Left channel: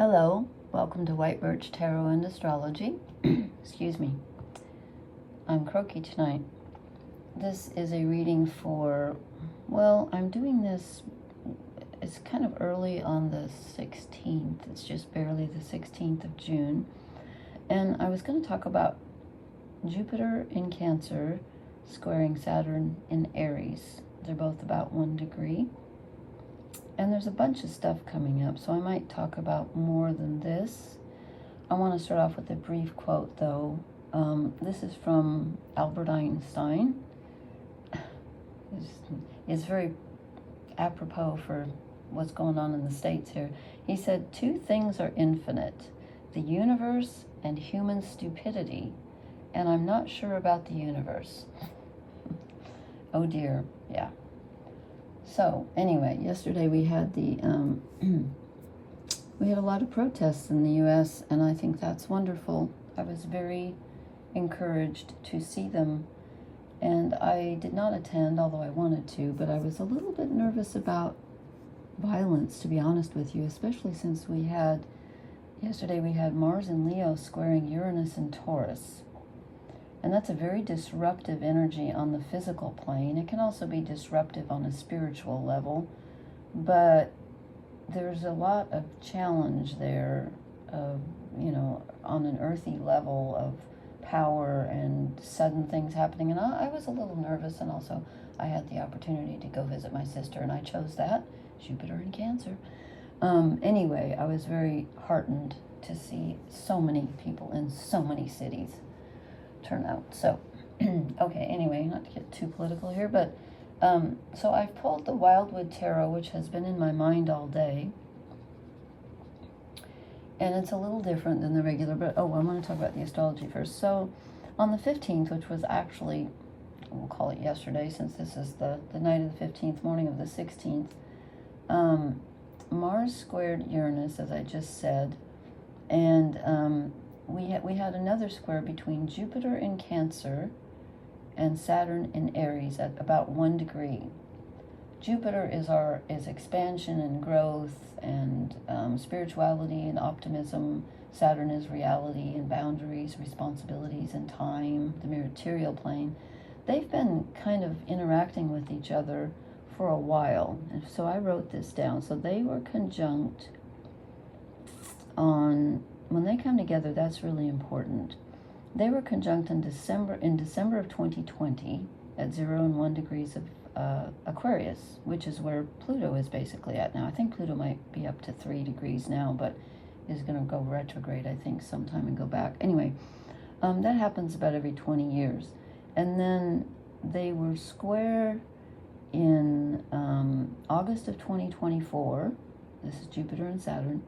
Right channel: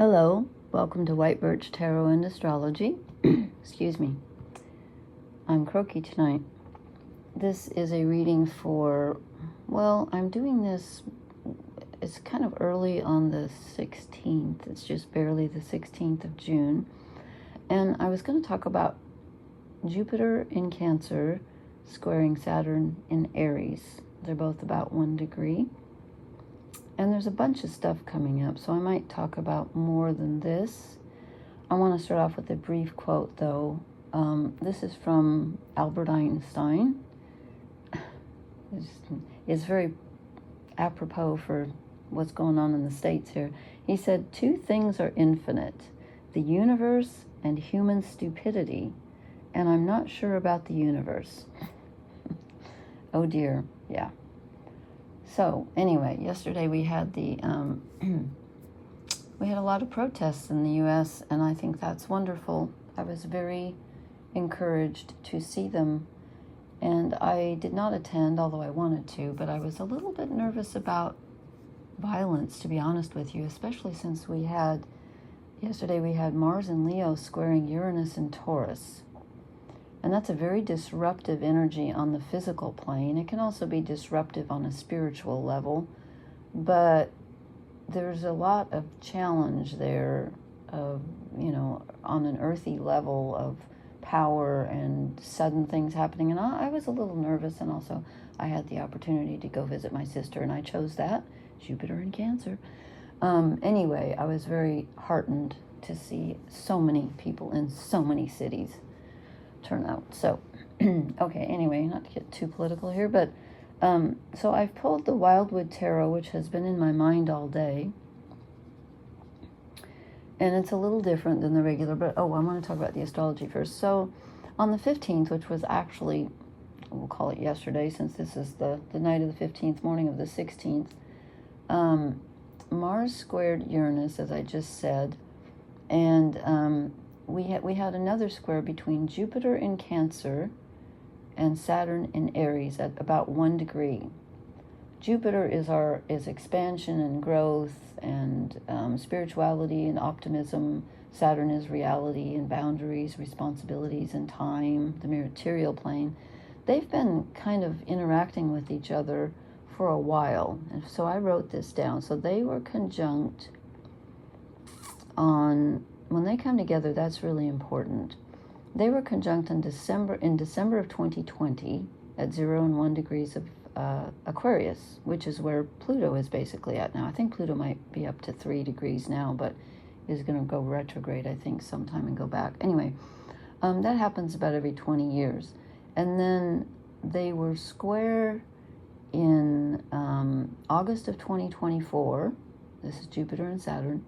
Hello, welcome to White Birch Tarot and Astrology. Excuse me. I'm croaky tonight. This is a reading for, well, I'm doing this, it's kind of early on the 16th. It's just barely the 16th of June. And I was going to talk about Jupiter in Cancer squaring Saturn in Aries. They're both about 1 degree. And there's a bunch of stuff coming up, so I might talk about more than this. I want to start off with a brief quote, though. This is from Albert Einstein. It's very apropos for what's going on in the States here. He said, "Two things are infinite, the universe and human stupidity, and I'm not sure about the universe." Oh dear, yeah. So anyway, yesterday we had we had a lot of protests in the U.S., and I think that's wonderful. I was very encouraged to see them, and I did not attend, although I wanted to, but I was a little bit nervous about violence, to be honest with you, especially since yesterday we had Mars and Leo squaring Uranus and Taurus. And that's a very disruptive energy on the physical plane. It can also be disruptive on a spiritual level, but there's a lot of challenge there, on an earthy level of power and sudden things happening. And I was a little nervous, and also I had the opportunity to go visit my sister, and I chose that, Jupiter in Cancer. Anyway, I was very heartened to see so many people in so many cities turn out. So okay, anyway, not to get too political here, but so I've pulled the Wildwood Tarot, which has been in my mind all day, and it's a little different than the regular, but I want to talk about the astrology first. So on the 15th, which was actually, we'll call it yesterday, since this is the night of the 15th, morning of the 16th, Mars squared Uranus, as I just said, and we had another square between Jupiter in Cancer and Saturn in Aries at about 1 degree. Jupiter is expansion and growth and spirituality and optimism. Saturn is reality and boundaries, responsibilities and time, the material plane. They've been kind of interacting with each other for a while, and so I wrote this down. So they were conjunct when they come together, that's really important. They were conjunct in December of 2020 at 0 and 1 degrees of Aquarius, which is where Pluto is basically at now. I think Pluto might be up to 3 degrees now, but is going to go retrograde, I think, sometime and go back. Anyway, that happens about every 20 years. And then they were square in August of 2024. This is Jupiter and Saturn.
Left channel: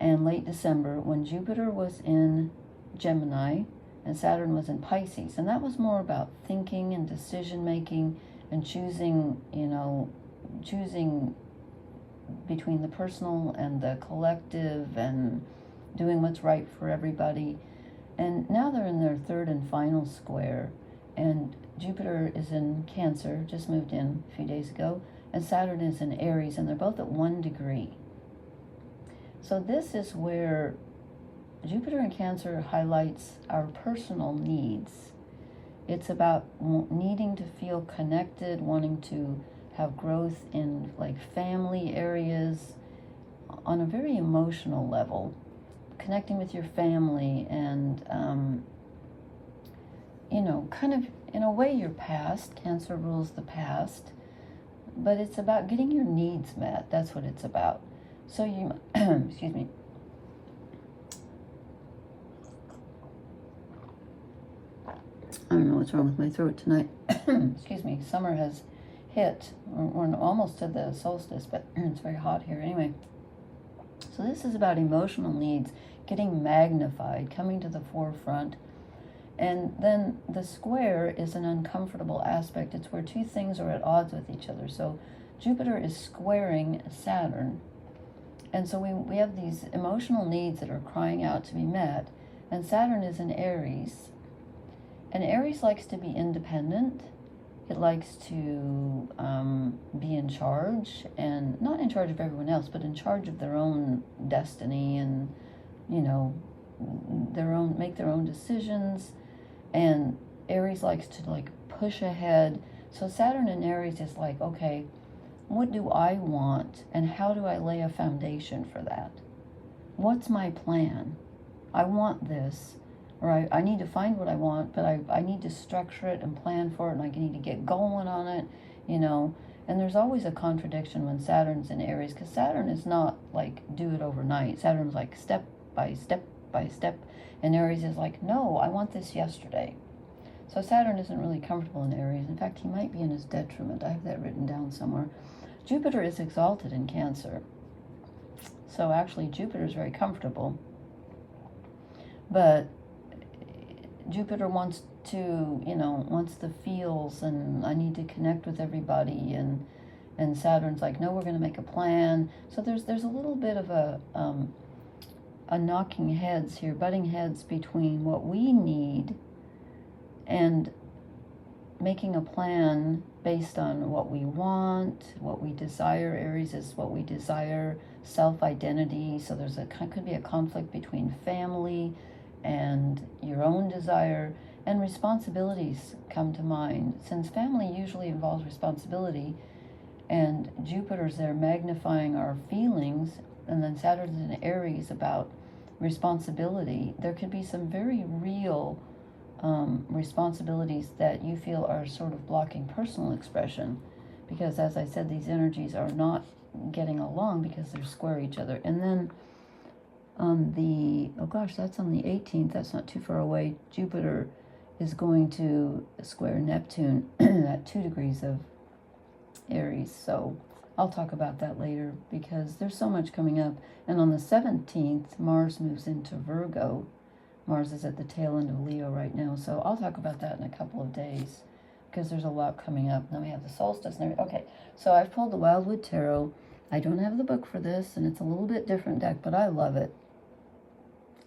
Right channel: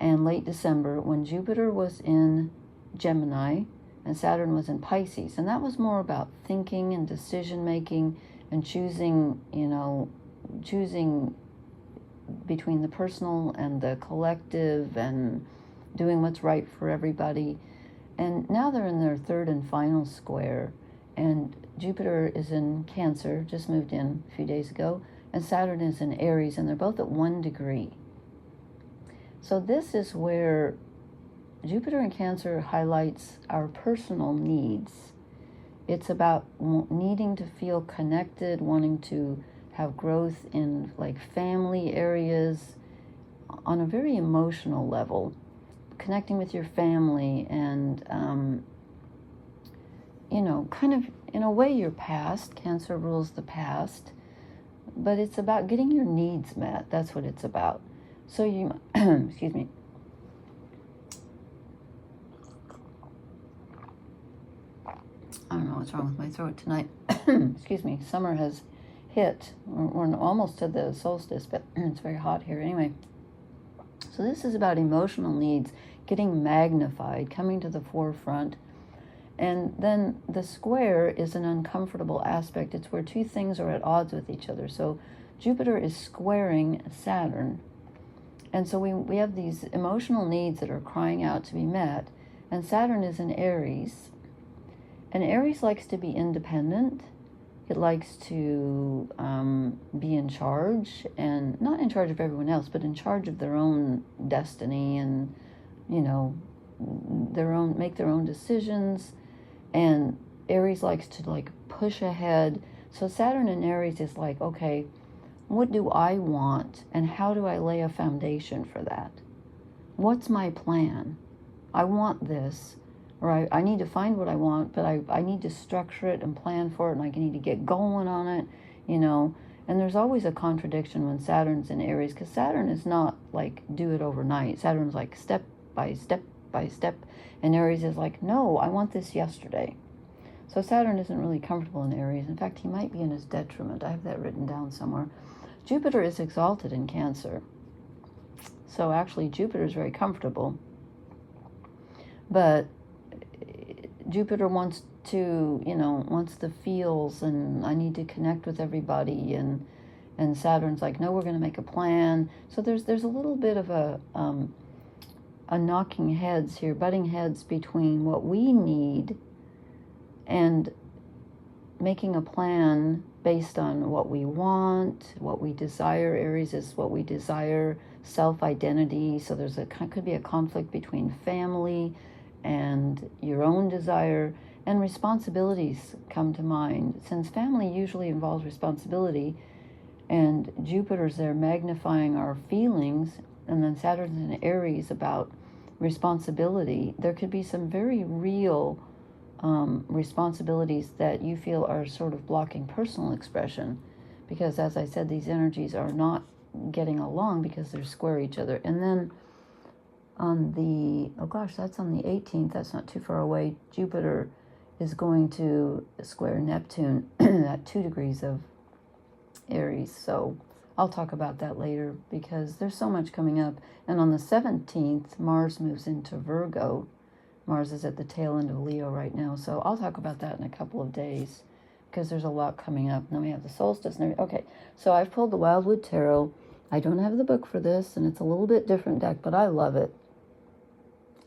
And late December, when Jupiter was in Gemini and Saturn was in Pisces. And that was more about thinking and decision making and choosing between the personal and the collective and doing what's right for everybody. And now they're in their third and final square, and Jupiter is in Cancer, just moved in a few days ago, and Saturn is in Aries, and they're both at 1 degree. So this is where Jupiter in Cancer highlights our personal needs. It's about needing to feel connected, wanting to have growth in like family areas on a very emotional level, connecting with your family and, kind of in a way your past. Cancer rules the past, but it's about getting your needs met. That's what it's about. So you, excuse me. I don't know what's wrong with my throat tonight. Excuse me. Summer has hit. We're almost to the solstice, but it's very hot here anyway. So this is about emotional needs, getting magnified, coming to the forefront. And then the square is an uncomfortable aspect. It's where two things are at odds with each other. So Jupiter is squaring Saturn. And so we have these emotional needs that are crying out to be met. And Saturn is in Aries. And Aries likes to be independent. It likes to be in charge, and not in charge of everyone else, but in charge of their own destiny, and, you know, make their own decisions. And Aries likes to like push ahead. So Saturn in Aries is like, okay, what do I want, and how do I lay a foundation for that? What's my plan? I want this, or I need to find what I want, but I need to structure it and plan for it, and I need to get going on it, you know. And there's always a contradiction when Saturn's in Aries, because Saturn is not like do it overnight. Saturn's like step by step by step, and Aries is like, no, I want this yesterday. So Saturn isn't really comfortable in Aries. In fact, he might be in his detriment. I have that written down somewhere. Jupiter is exalted in Cancer. So actually Jupiter is very comfortable. But Jupiter wants to, you know, wants the feels, and I need to connect with everybody, and Saturn's like, no, we're going to make a plan. So there's a little bit of a knocking heads here, butting heads between what we need and making a plan based on what we want, what we desire. Aries is what we desire, self-identity. So there's could be a conflict between family and your own desire, and responsibilities come to mind. Since family usually involves responsibility, and Jupiter's there magnifying our feelings, and then Saturn's in Aries about responsibility, there could be some very real responsibilities that you feel are sort of blocking personal expression, because as I said, these energies are not getting along because they're square each other. And then on the, oh gosh, that's on the 18th, that's not too far away, Jupiter is going to square Neptune at 2 degrees of Aries. So I'll talk about that later, because there's so much coming up. And on the 17th, Mars moves into Virgo. Mars is at the tail end of Leo right now, so I'll talk about that in a couple of days, because there's a lot coming up. Now we have the solstice and everything. Okay, so I've pulled the Wildwood Tarot. I don't have the book for this, and it's a little bit different deck, but I love it.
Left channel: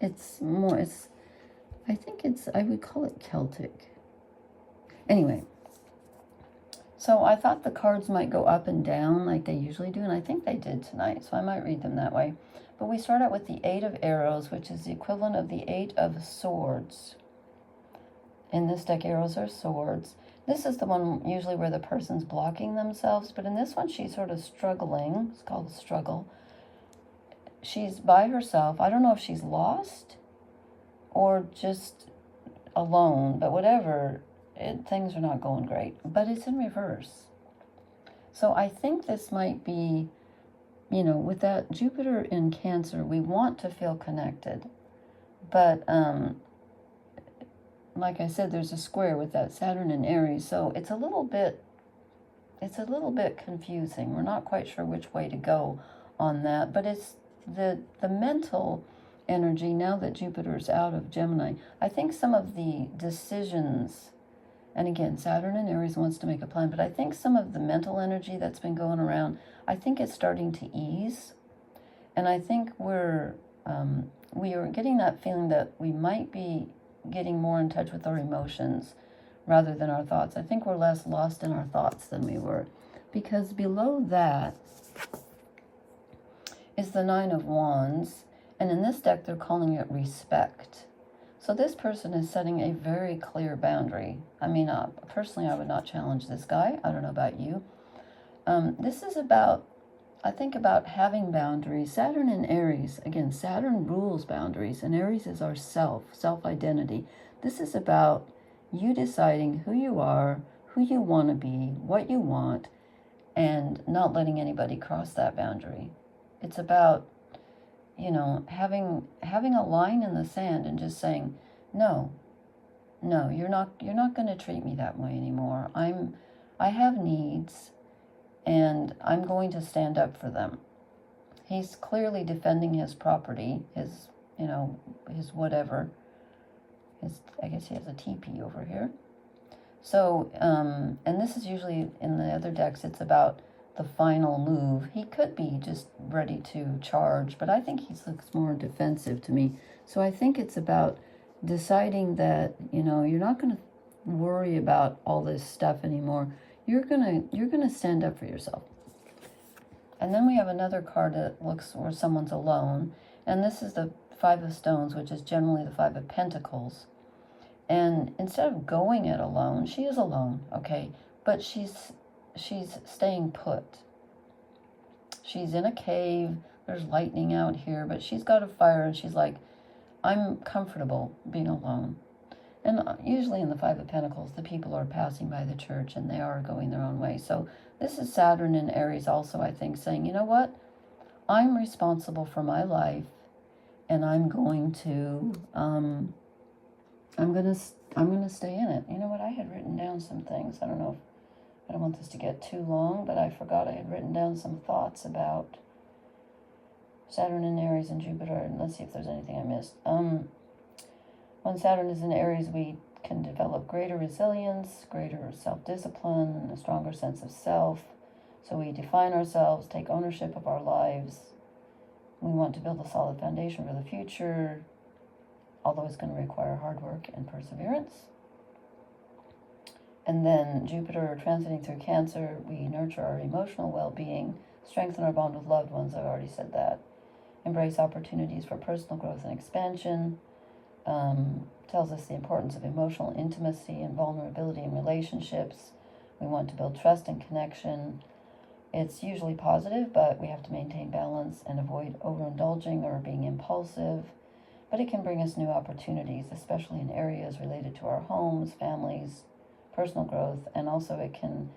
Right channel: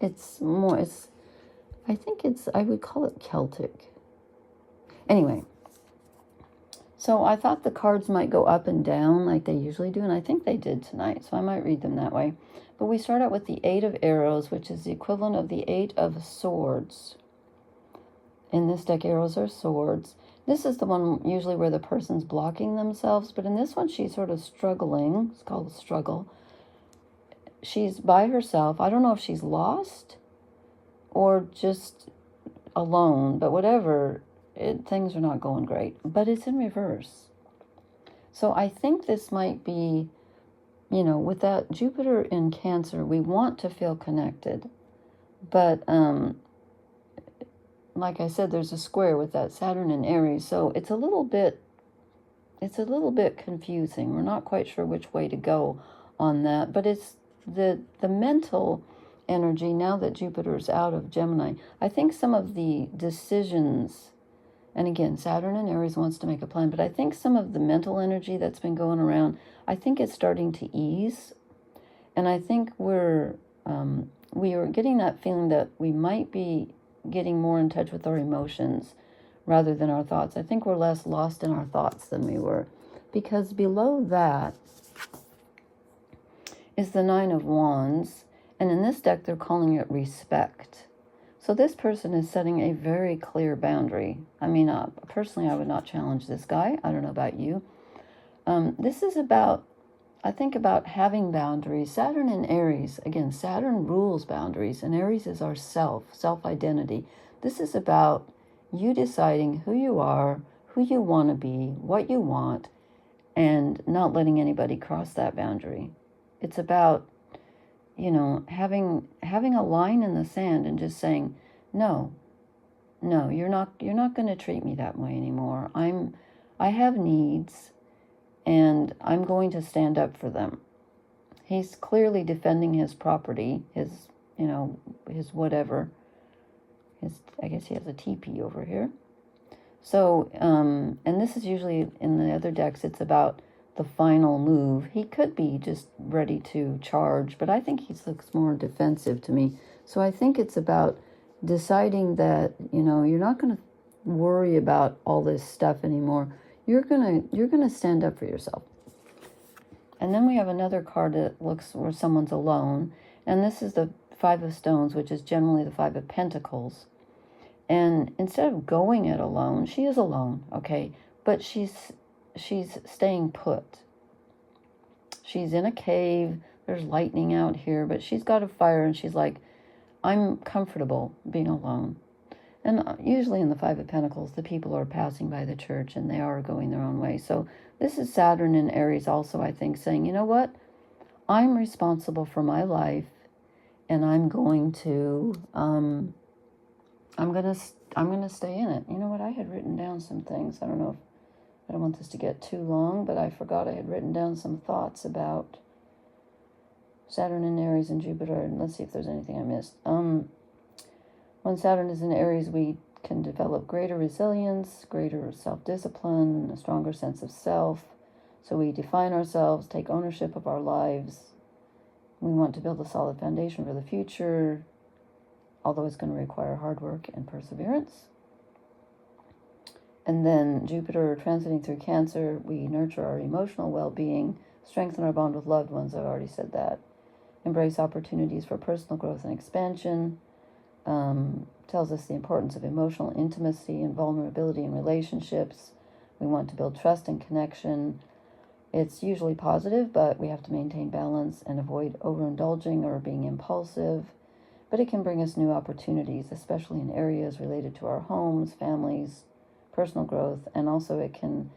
I think I would call it Celtic. Anyway, so I thought the cards might go up and down like they usually do, and I think they did tonight, so I might read them that way. But we start out with the 8 of Arrows, which is the equivalent of the 8 of Swords. In this deck, arrows are swords. This is the one usually where the person's blocking themselves, but in this one, she's sort of struggling. It's called a struggle. She's by herself. I don't know if she's lost or just alone, but whatever, things are not going great. But it's in reverse. So I think this might be, you know, with that Jupiter in Cancer, we want to feel connected. But like I said, there's a square with that Saturn in Aries, so it's a little bit confusing. We're not quite sure which way to go on that, but it's the mental energy now that Jupiter's out of Gemini. I think some of the decisions, and again, Saturn in Aries wants to make a plan, but I think some of the mental energy that's been going around, I think it's starting to ease. And I think we are getting that feeling that we might be getting more in touch with our emotions rather than our thoughts. I think we're less lost in our thoughts than we were, because below that is the 9 of Wands, and in this deck they're calling it respect. So this person is setting a very clear boundary. I mean, personally, I would not challenge this guy. I don't know about you. This is about, I think, about having boundaries. Saturn in Aries, again, Saturn rules boundaries, and Aries is our self-identity. This is about you deciding who you are, who you want to be, what you want, and not letting anybody cross that boundary. It's about, you know, having a line in the sand and just saying, no, you're not going to treat me that way anymore. I have needs, and I'm going to stand up for them. He's clearly defending his property, his whatever. I guess he has a teepee over here. So, and this is usually in the other decks, it's about the final move. He could be just ready to charge, but I think he looks more defensive to me. So I think it's about deciding that, you know, you're not going to worry about all this stuff anymore. You're gonna stand up for yourself. And then we have another card that looks where someone's alone, and this is the Five of Stones, which is generally the Five of Pentacles. And instead of going it alone, she is alone, okay, but she's staying put. She's in a cave. There's lightning out here, but she's got a fire, and she's like, I'm comfortable being alone. And usually in the Five of Pentacles, the people are passing by the church and they are going their own way. So this is Saturn in Aries also, I think, saying, you know what? I'm responsible for my life, and I'm going to, I'm gonna stay in it. You know what? I had written down some things. I don't know if, I don't want this to get too long, but I forgot I had written down some thoughts about Saturn in Aries and Jupiter. And let's see if there's anything I missed. When Saturn is in Aries, we can develop greater resilience, greater self-discipline, a stronger sense of self. So we define ourselves, take ownership of our lives. We want to build a solid foundation for the future, although it's going to require hard work and perseverance. And then Jupiter transiting through Cancer, we nurture our emotional well-being, strengthen our bond with loved ones. I've already said that. Embrace opportunities for personal growth and expansion. Tells us the importance of emotional intimacy and vulnerability in relationships. We want to build trust and connection. It's usually positive, but we have to maintain balance and avoid overindulging or being impulsive. But it can bring us new opportunities, especially in areas related to our homes, families, personal growth, and also it can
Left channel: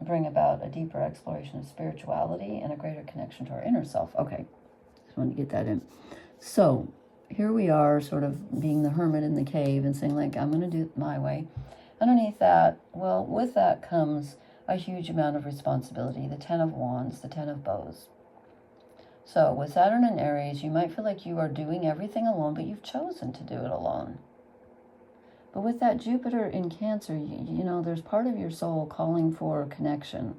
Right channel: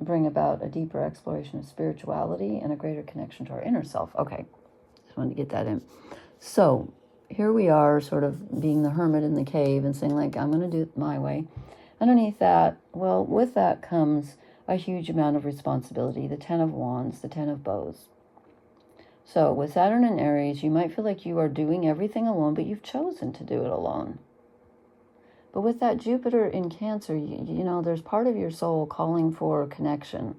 bring about a deeper exploration of spirituality and a greater connection to our inner self. Okay, just wanted to get that in. So here we are, sort of being the hermit in the cave and saying, like, I'm going to do it my way. Underneath that, well, with that comes a huge amount of responsibility. The Ten of Wands, the Ten of Bows. So with Saturn in Aries, you might feel like you are doing everything alone, but you've chosen to do it alone. But with that Jupiter in Cancer, you know, there's part of your soul calling for connection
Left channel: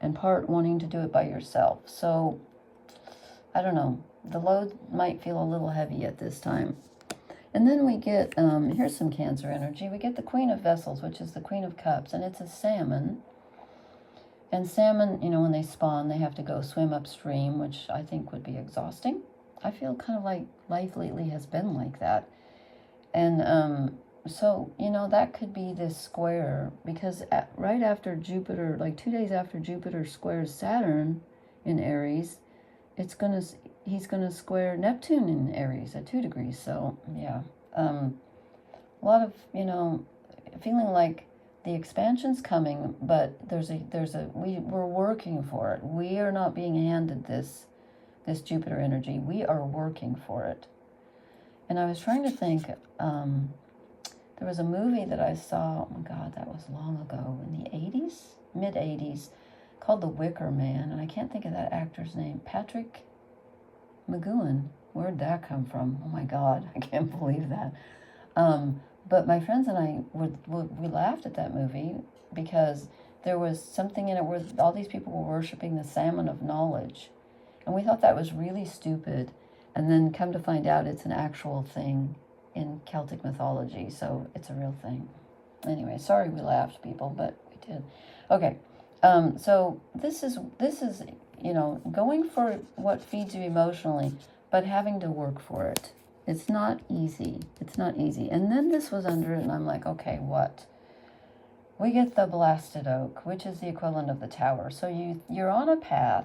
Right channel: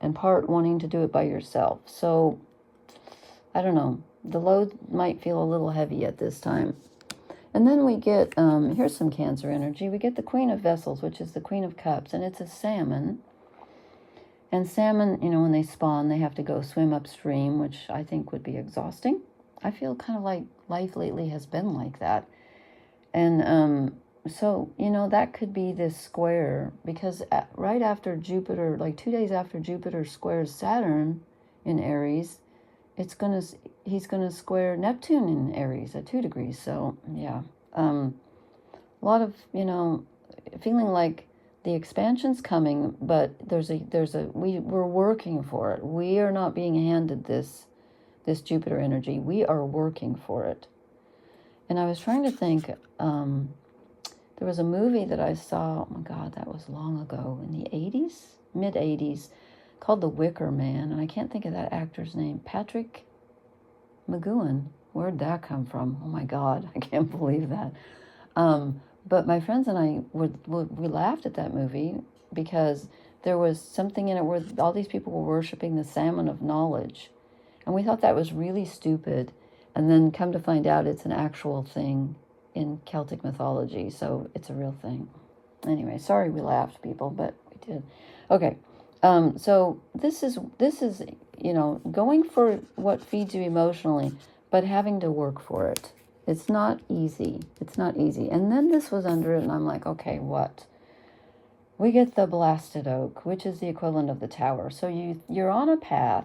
and part wanting to do it by yourself. So, I don't know. The load might feel a little heavy at this time. And then we get, here's some Cancer energy. We get the Queen of Vessels, which is the Queen of Cups, and it's a salmon. And salmon, you know, when they spawn, they have to go swim upstream, which I think would be exhausting. I feel kind of like life lately has been like that. And so, you know, that could be this square, because right after Jupiter, like 2 days after Jupiter squares Saturn in Aries, he's gonna square Neptune in Aries at 2 degrees. So yeah, a lot of, you know, feeling like the expansion's coming, but we're working for it. We are not being handed this Jupiter energy. We are working for it. And I was trying to think, there was a movie that I saw, oh my God, that was long ago, in the 80s, mid-80s, called The Wicker Man, and I can't think of that actor's name. Patrick McGowan. Where'd that come from? Oh my God, I can't believe that. But my friends and I, we laughed at that movie because there was something in it where all these people were worshiping the salmon of knowledge. And we thought that was really stupid. And then come to find out it's an actual thing in Celtic mythology. So it's a real thing. Anyway, sorry we laughed, people, but we did. Okay. So this is, you know, going for what feeds you emotionally, but having to work for it. It's not easy. It's not easy. And then this was under it, and I'm like, okay, what? We get the Blasted Oak, which is the equivalent of the Tower. So you're on a path.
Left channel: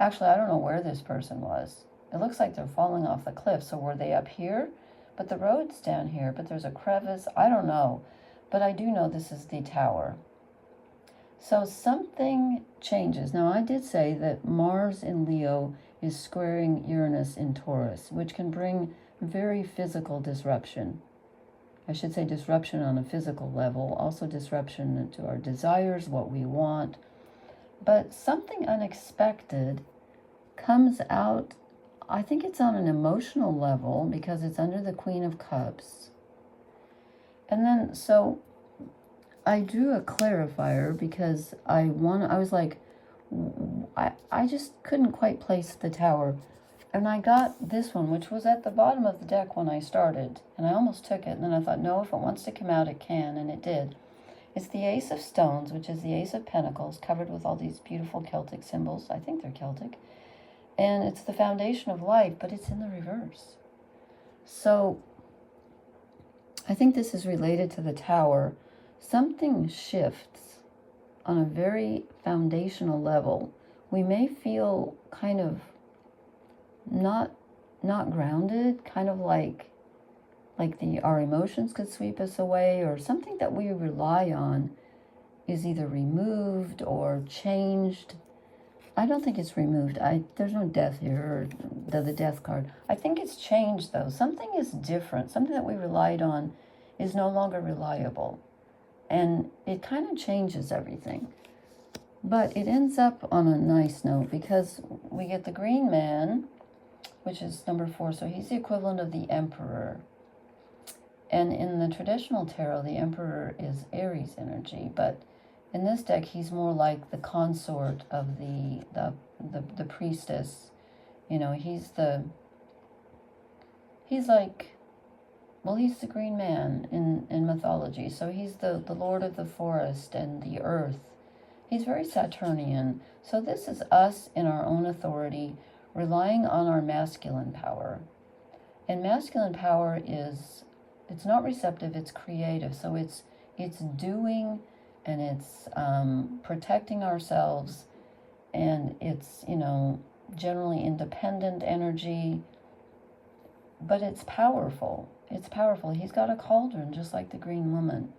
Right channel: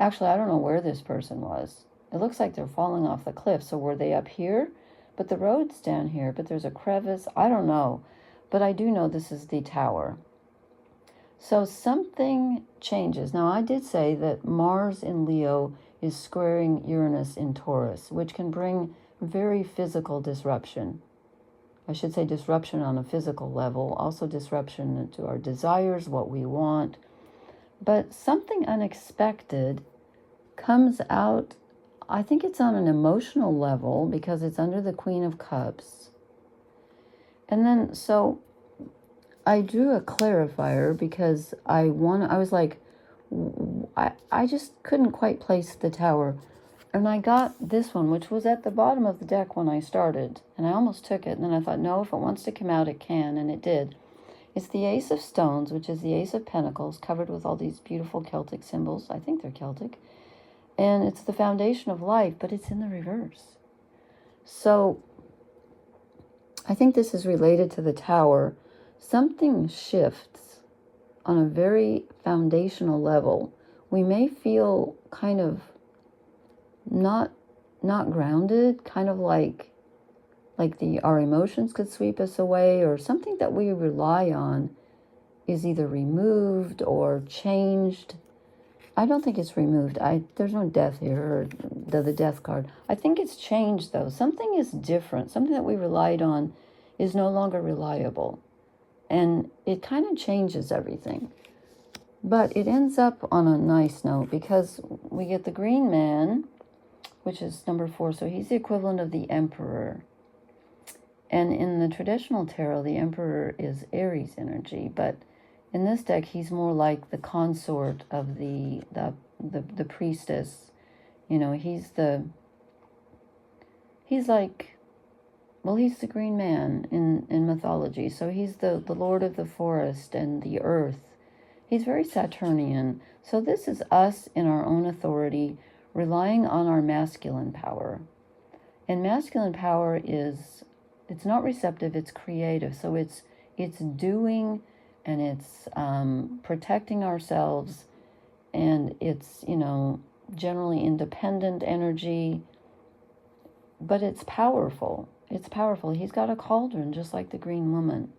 Actually, I don't know where this person was. It looks like they're falling off the cliff. So were they up here? But the road's down here, but there's a crevice. I don't know. But I do know this is the Tower. So something changes. Now, I did say that Mars in Leo is squaring Uranus in Taurus, which can bring very physical disruption. I should say disruption on a physical level, also disruption to our desires, what we want. But something unexpected comes out. I think it's on an emotional level because it's under the Queen of Cups. And then, so I drew a clarifier because I was like, I just couldn't quite place the Tower. And I got this one, which was at the bottom of the deck when I started. And I almost took it. And then I thought, no, if it wants to come out, it can. And it did. It's the Ace of Stones, which is the Ace of Pentacles, covered with all these beautiful Celtic symbols. I think they're Celtic. And it's the foundation of life, but it's in the reverse. So I think this is related to the Tower. Something shifts on a very foundational level. We may feel kind of not grounded, kind of like our emotions could sweep us away, or something that we rely on is either removed or changed. I don't think it's removed. There's no death here, or the death card. I think it's changed, though. Something is different. Something that we relied on is no longer reliable. And it kind of changes everything. But it ends up on a nice note, because we get the Green Man, which is number 4. So he's the equivalent of the Emperor. And in the traditional tarot, the Emperor is Aries energy. But in this deck, he's more like the consort of the priestess. You know, he's the Green Man in mythology. So he's the Lord of the forest and the earth. He's very Saturnian. So this is us in our own authority, relying on our masculine power. And masculine power it's not receptive, it's creative. So it's doing, and it's protecting ourselves, and it's, you know, generally independent energy, but it's powerful. It's powerful. He's got a cauldron, just like the Green Woman.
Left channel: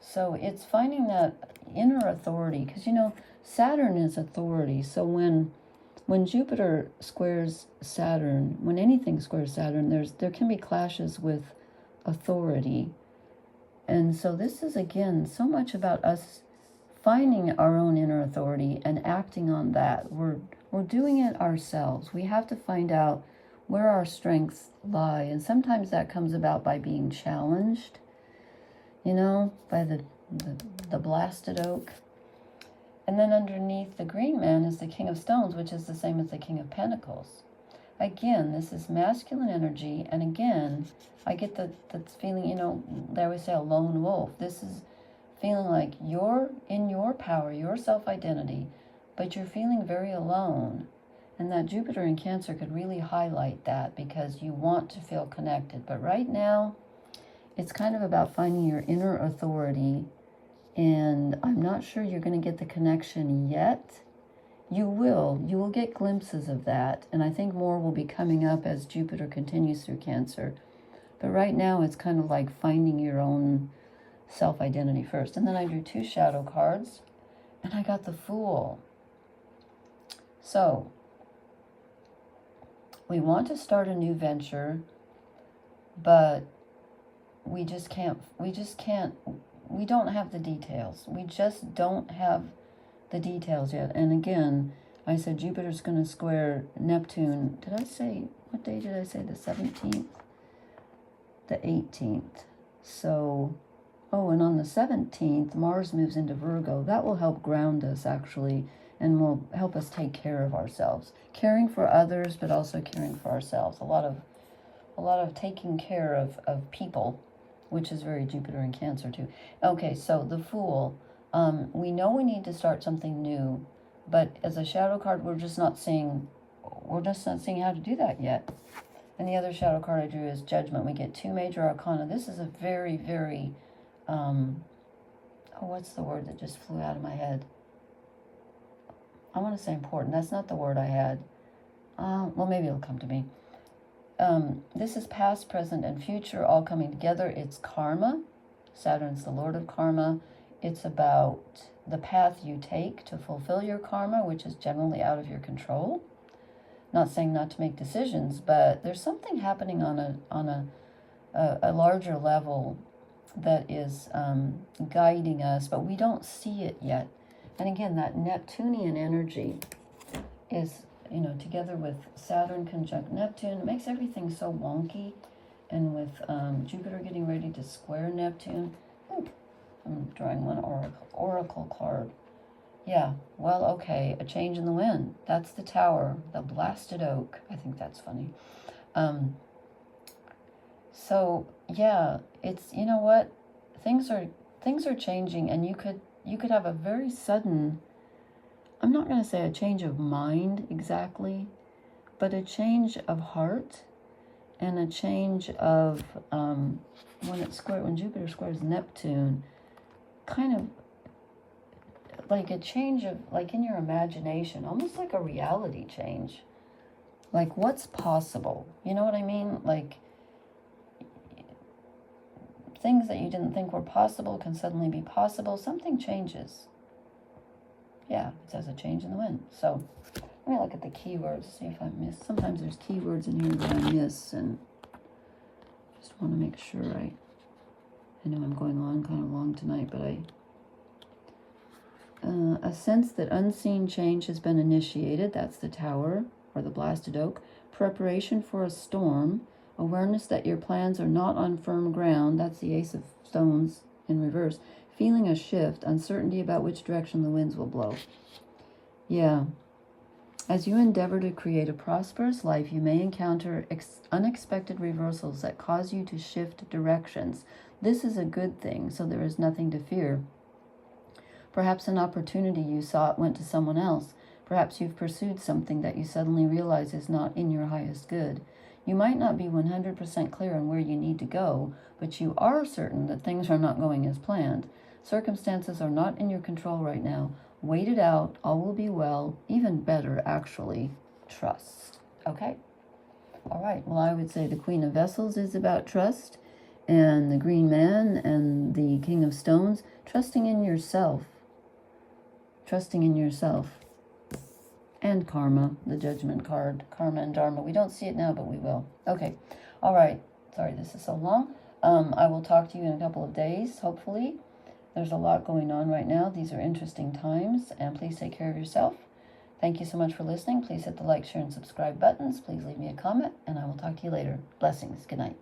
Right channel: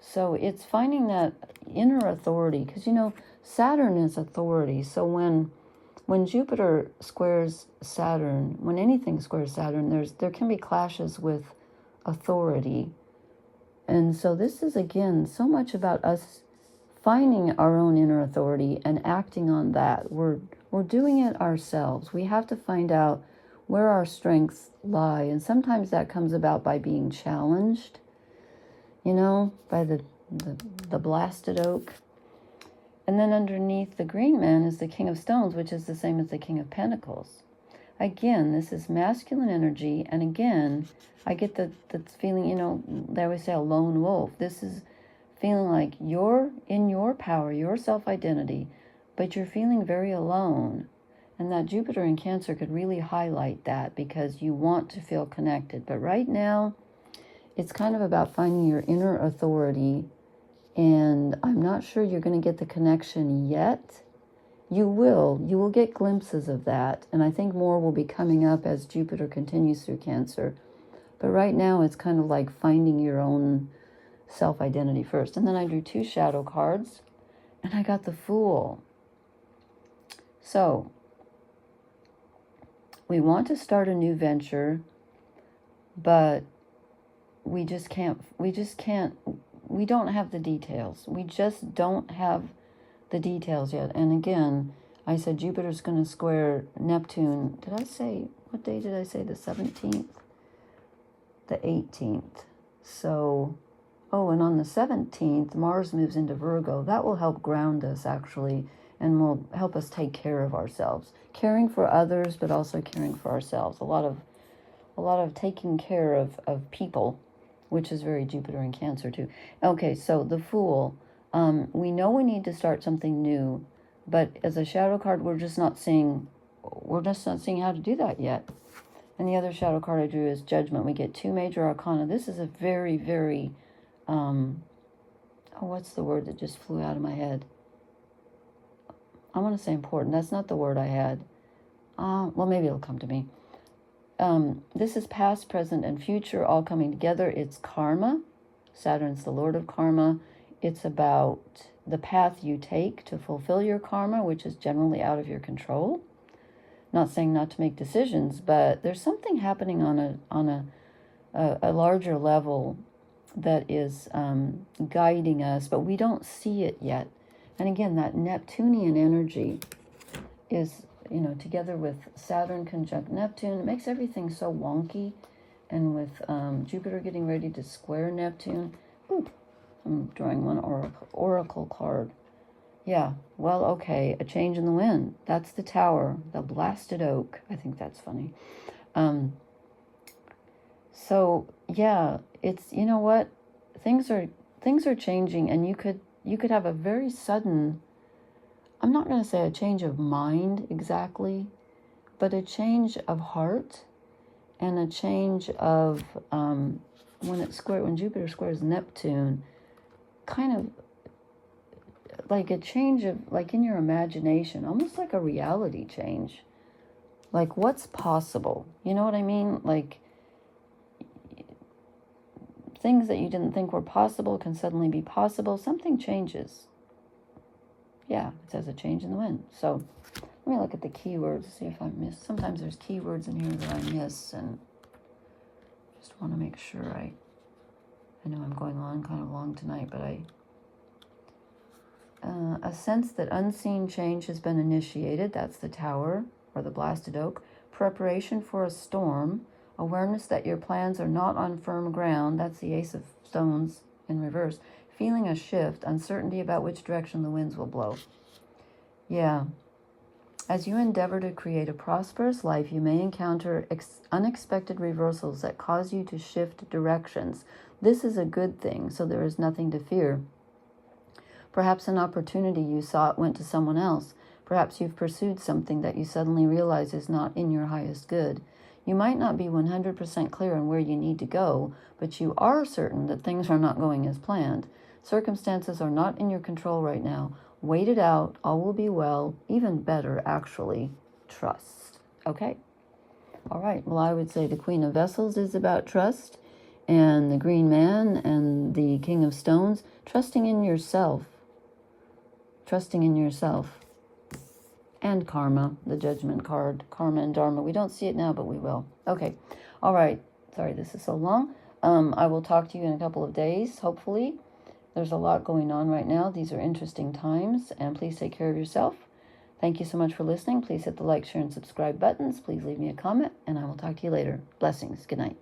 So it's finding that inner authority, because, you know, Saturn is authority. So when Jupiter squares Saturn, when anything squares Saturn, there can be clashes with authority. And so this is, again, so much about us finding our own inner authority and acting on that. We're doing it ourselves. We have to find out where our strengths lie. And sometimes that comes about by being challenged, you know, by the blasted oak. And then underneath the Green Man is the King of Stones, which is the same as the King of Pentacles. Again, this is masculine energy. And again, I get the feeling, you know, they always say a lone wolf. This is feeling like you're in your power, your self-identity, but you're feeling very alone. And that Jupiter in Cancer could really highlight that, because you want to feel connected. But right now, it's kind of about finding your inner authority. And I'm not sure you're going to get the connection yet. You will get glimpses of that. And I think more will be coming up as Jupiter continues through Cancer. But right now, it's kind of like finding your own self-identity first. And then I drew 2 shadow cards, and I got the Fool. So we want to start a new venture, but we don't have the details. We just don't have the details yet. And again, I said Jupiter's going to square Neptune. Did I say, what day did I say? The 17th? The 18th. So, oh, and on the 17th, Mars moves into Virgo. That will help ground us, actually, and will help us take care of ourselves. Caring for others, but also caring for ourselves. A lot of taking care of people, which is very Jupiter in Cancer too. Okay, so the Fool. We know we need to start something new, but as a shadow card, we're just not seeing how to do that yet. And the other shadow card I drew is Judgment. We get 2 major arcana. This is a very, very, what's the word that just flew out of my head? I want to say important. That's not the word I had. Well, maybe it'll come to me. This is past, present, and future all coming together. It's karma. Saturn's the Lord of karma. It's about the path you take to fulfill your karma, which is generally out of your control. Not saying not to make decisions, but there's something happening on a larger level that is guiding us, but we don't see it yet. And again, that Neptunian energy is, you know, together with Saturn conjunct Neptune, it makes everything so wonky. And with Jupiter getting ready to square Neptune, I'm drawing one oracle card. Yeah, well, okay, a change in the wind. That's the Tower, the blasted oak. I think that's funny. So yeah, it's, you know what? Things are changing, and you could have a very sudden, I'm not going to say a change of mind exactly, but a change of heart and a change of when Jupiter squares Neptune, kind of like a change of, like, in your imagination, almost like a reality change. Like, what's possible? You know what I mean? Like, things that you didn't think were possible can suddenly be possible. Something changes. Yeah, it says a change in the wind. So let me look at the keywords, see if I miss. Sometimes there's keywords in here that I miss, and just want to make sure I know I'm going on kind of long tonight, but a sense that unseen change has been initiated. That's the Tower, or the blasted oak. Preparation for a storm. Awareness that your plans are not on firm ground. That's the Ace of Stones in reverse. Feeling a shift. Uncertainty about which direction the winds will blow. Yeah. As you endeavor to create a prosperous life, you may encounter unexpected reversals that cause you to shift directions. This is a good thing, so there is nothing to fear. Perhaps an opportunity you sought went to someone else. Perhaps you've pursued something that you suddenly realize is not in your highest good. You might not be 100% clear on where you need to go, but you are certain that things are not going as planned. Circumstances are not in your control right now. Wait it out. All will be well. Even better, actually. Trust. Okay? All right. Well, I would say the Queen of Vessels is about trust, and the Green Man and the King of Stones, trusting in yourself. Trusting in yourself. And karma, the Judgment card. Karma and Dharma. We don't see it now, but we will. Okay. All right. Sorry, this is so long. I will talk to you in a couple of days, hopefully. There's a lot going on right now. These are interesting times, and please take care of yourself. Thank you so much for listening. Please hit the like, share, and subscribe buttons. Please leave me a comment, and I will talk to you later. Blessings. Good night.